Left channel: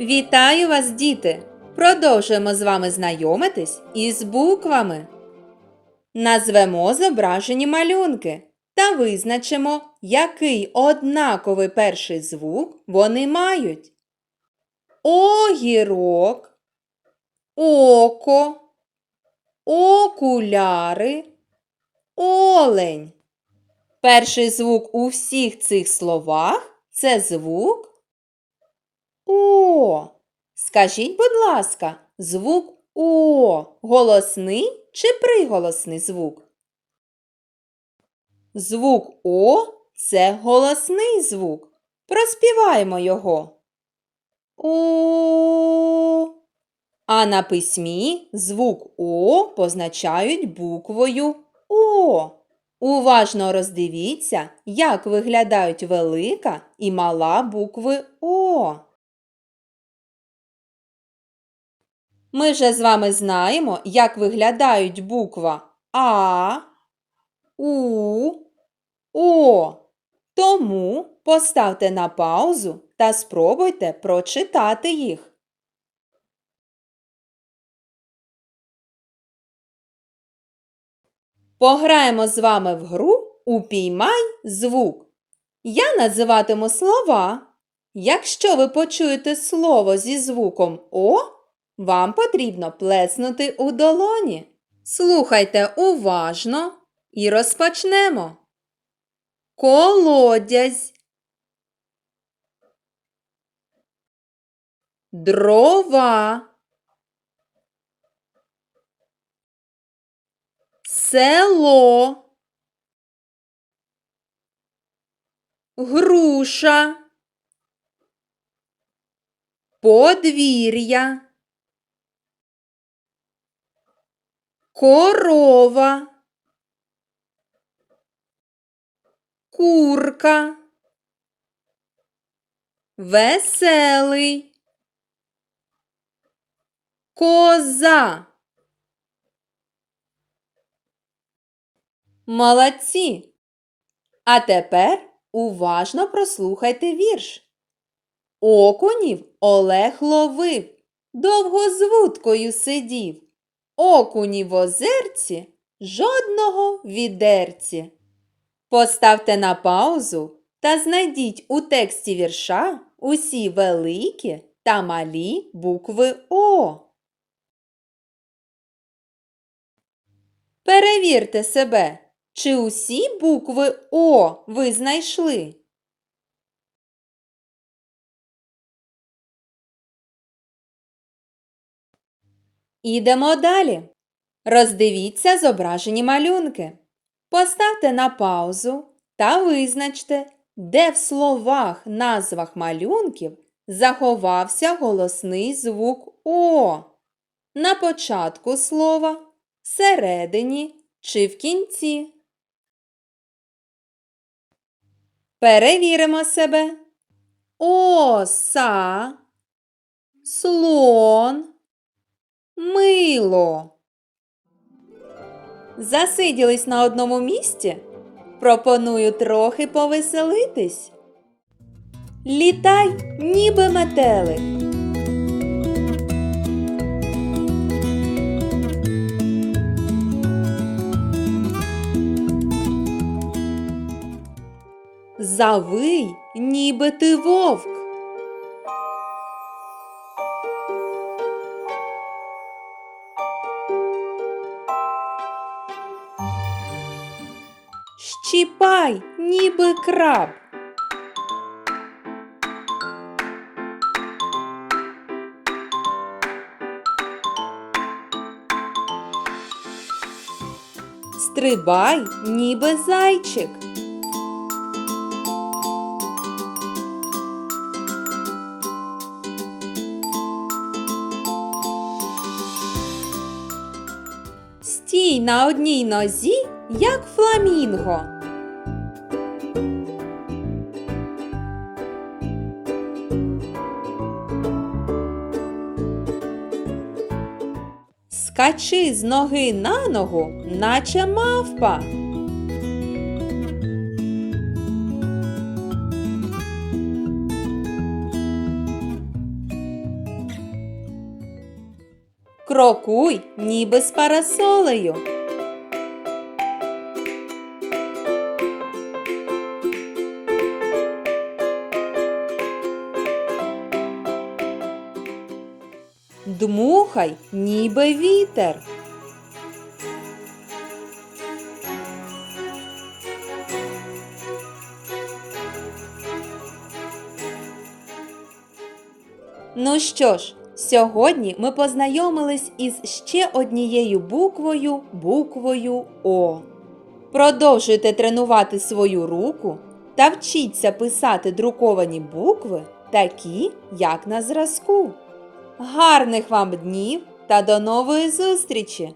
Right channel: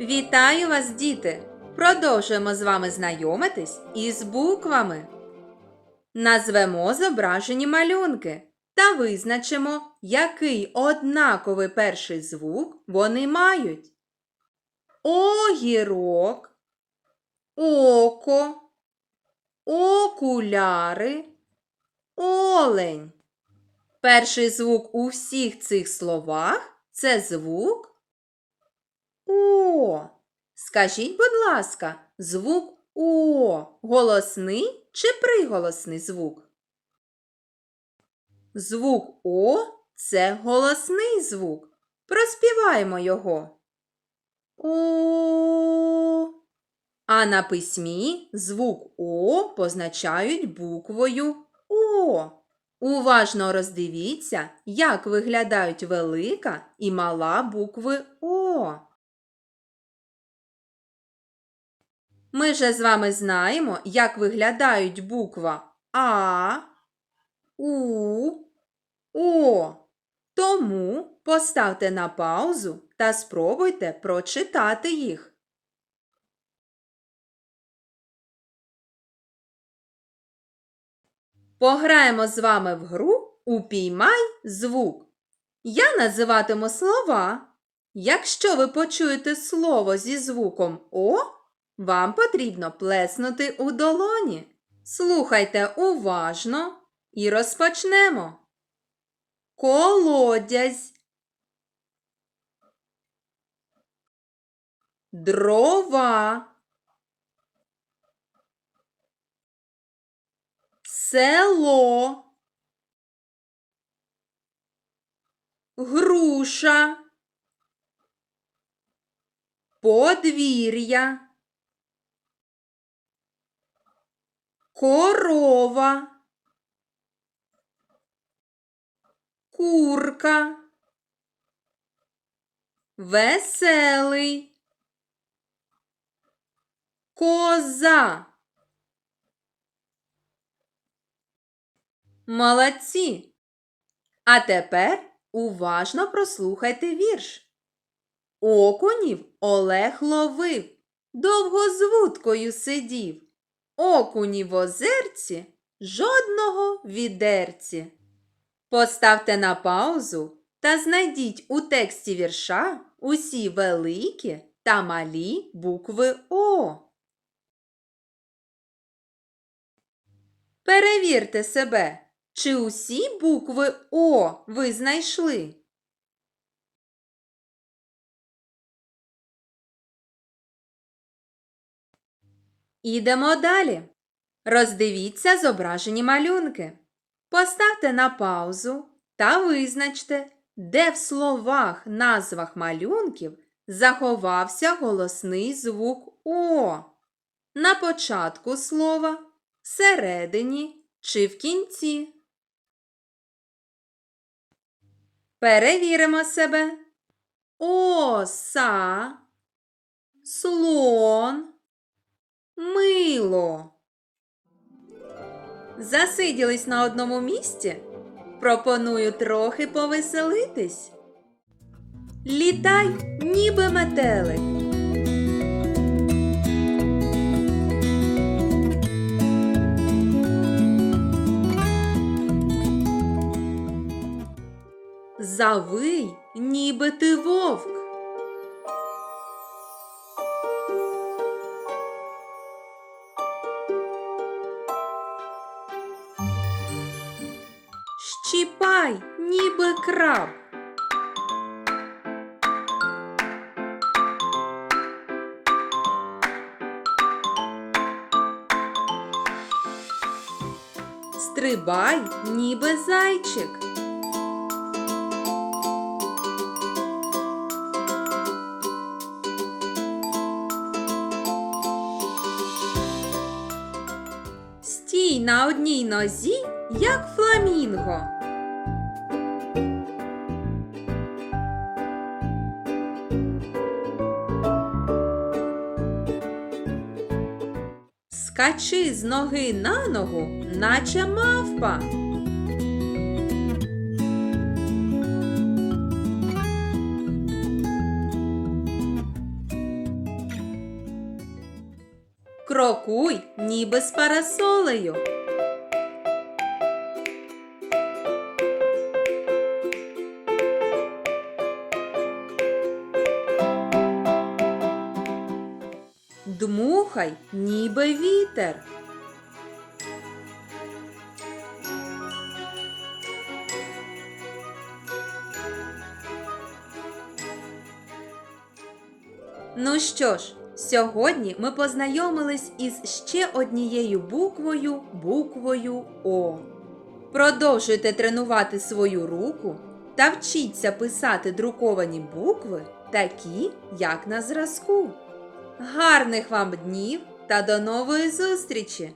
Вітаю вас, діти! Продовжуємо з вами знайомитись із буквами. Назвемо зображені малюнки та визначимо, який однаковий перший звук вони мають. Огірок, око, окуляри, олень. Перший звук у всіх цих словах це звук О. Скажіть, будь ласка, звук О голосний чи приголосний звук? Звук О це голосний звук. Проспіваємо його. О. А на письмі звук О позначають буквою О. Уважно роздивіться, як виглядають велика і мала букви О. Ми вже з вами знаємо, як виглядають буква А, У, О. Тому поставте на паузу та спробуйте прочитати їх. Пограємо з вами в гру Упіймай звук. Я називатиму слова. Якщо ви почуєте слово зі звуком О, вам потрібно плеснути у долоні. Слухайте уважно і розпочнемо. Колодязь. Дрова. Село. Груша. Подвір'я. Корова. Курка. Веселий. Коза. Молодці. А тепер уважно прослухайте вірш. Окунів Олег ловив, довго з вудкою сидів. Окуні в озерці, жодного відерці. Поставте на паузу та знайдіть у тексті вірша усі великі та малі букви О. Перевірте себе, чи усі букви О ви знайшли. Ідемо далі. Роздивіться зображені малюнки. Поставте на паузу та визначте, де в словах назвах малюнків заховався голосний звук О. На початку слова, всередині чи в кінці. Перевіримо себе. Оса, слон, мило. Засиділись на одному місці? Пропоную трохи повеселитись. Літай, ніби метелик. Завий, ніби ти вовк. Щіпай, ніби краб. Стрибай, ніби зайчик. Стій на одній нозі, як фламінго. скачи з ноги на ногу, наче мавпа. Крокуй, ніби з парасолею. Дмухай, ніби вітер. Ну що ж, сьогодні ми познайомились із ще однією буквою буквою О. Продовжуйте тренувати свою руку та вчіться писати друковані букви, такі, як на зразку. Гарних вам днів та до нової зустрічі!